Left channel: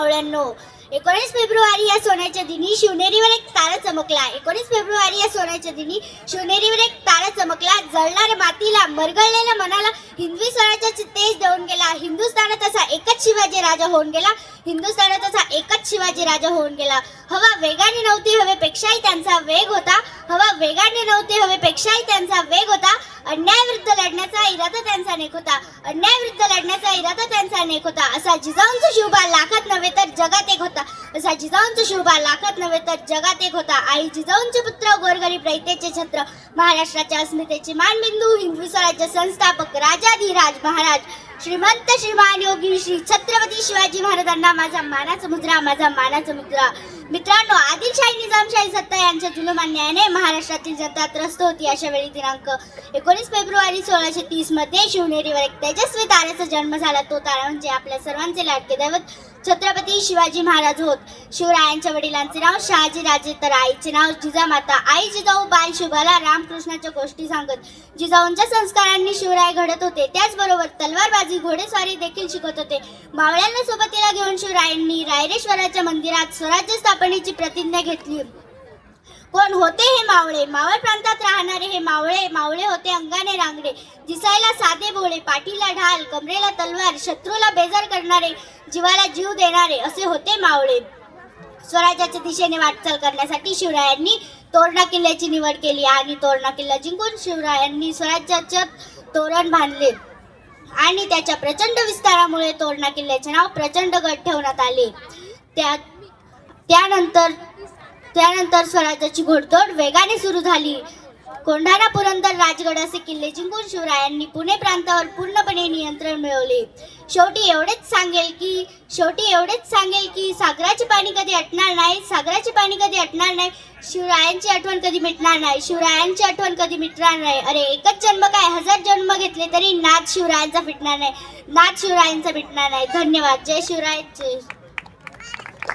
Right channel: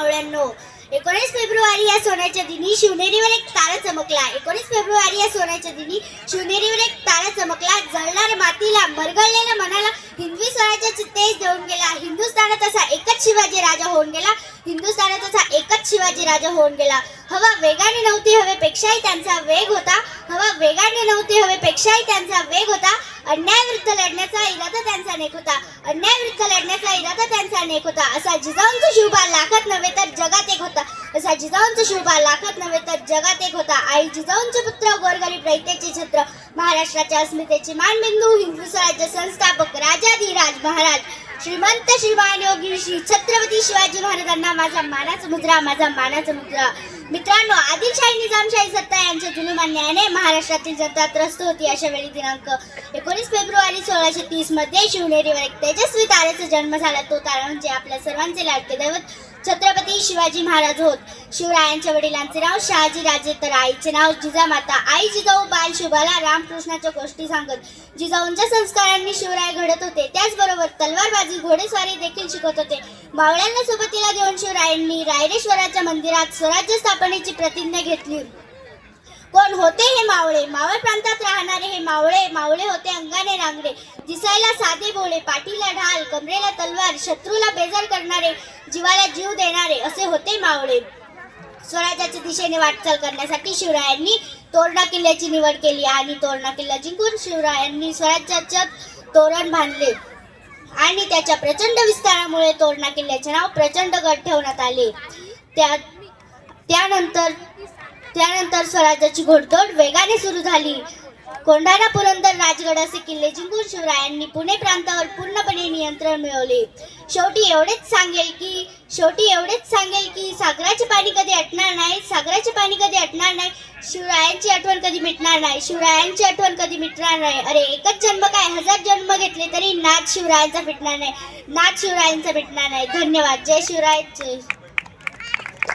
मावळ्यांनो, 19 February या सोन्याच्या दिनी शिवनेरीवर एक तारा चमकला. 19 फेब्रुवारी या सोन्याच्या दिनी शिवनेरीवर एक तारा चमकला. जळणाऱ्या मातीला, मरगळलेल्या मनाला हिंदवी स्वराज्याचे तेज देऊन गेला. हिंदुस्थानात असा एकच शिवाजी राजा होऊन गेला. हिंदुस्थानात असा एकच शिवाजी राजा होऊन गेला. हवा वेगाने नव्हती, हवेपेक्षाही त्यांचा वेग होता. हवा वेगाने नव्हती, हवेपेक्षाही त्यांचा वेग होता. अन्यायाविरुद्ध लढण्याचा इरादा त्यांचा नेक होता. अन्यायाविरुद्ध लढण्याचा इरादा त्यांचा नेक होता. असा जिजाऊंचा शिवबा लाखात नव्हे तर जगात एक होता. असा जिजाऊंचा शिवबा लाखात नव्हे तर जगात एक होता. आई जिजाऊंचे पुत्र, गोरगरीब रयतेचे छत्र, महाराष्ट्राच्या अस्मितेचे मानबिंदू, हिंदवी स्वराज्य संस्थापक, राजाधिराज महाराज श्रीमंत श्रीमान योगी श्री छत्रपती शिवाजी महाराजांना माझा मानाचा मुद्रा, माझा मानाचा मुद्रा. मित्रांनो, आदिलशाही निजामशाही सत्ता यांच्या जुलूम अन्यायाने महाराष्ट्रातील जनता त्रस्त होती. अशा वेळी दिनांक 19 फेब्रुवारी 1630 मध्ये शिवनेरीवर एक तेजस्वी तारेचा जन्म झाला. तो तारा म्हणजे आपल्या सर्वांचे लाडके दैवत छत्रपती शिवाजी महाराज होत. शिवरायांच्या वडिलांचे नाव शहाजी राजे तर आईचे नाव जिजामाता. आई जिजाऊ बाल शिवबाला रामकृष्णाच्या गोष्टी सांगत जिजाऊंच्या संस्कारांनी शिवराय घडत होते. त्याचबरोबर तलवारबाजी, घोडेस्वारी देखील शिकवत होते. मावळ्यांना सोबतीला घेऊन शिवरायांनी रायरेश्वराच्या मंदिरात स्वराज्य स्थापनेची प्रतिज्ञा घेतली. कोण होते हे मावळे? मावळ प्रांतात राहणारे हे मावळे. मावळे होते अंगाने रांगडे, दिसायला साधे भोळे, पाठीला ढाल, कमरेला तलवार, शत्रूला बेजार करणारे, जीवाला जीव देणारे असे होते मावळे. स्वराज्याच्या दिशेने वाटचाल करण्यासाठी शिवरायांनी तोरणा किल्ल्याची निवड केली आणि तोरणा किल्ला जिंकून शिवरायांनी स्वराज्याचे तोरण बांधले आणि त्याच्या प्रचंड विस्तारामुळे तोरणा किल्ल्याचे नाव प्रचंडगड ठेवण्यात आले. त्यानंतर स्वराज्याची घोडदौड वेगाने सुरू झाली. कोंढाणा, पुरंदर, राजगड असे किल्ले जिंकून शिवरायांनी पुणे प्रांतावर पूर्णपणे नियंत्रण मिळवले. शेवटी एवढेच सांगेल की सागराचे पाणी कधी आटणार नाही. सागराचे पाणी कधी आटणार नाही. शिवरायांची आठवण कधी मिटणार नाही. शिवरायांची आठवण कधी मिटणार नाही. अरे, एकच जन्म काय, 1000 जन्म घेतले तरी नाद शिवरायांचा फिटणार नाही. नाद शिवरायांचा मिटणार नाही. धन्यवाद. जय शिवराय. जय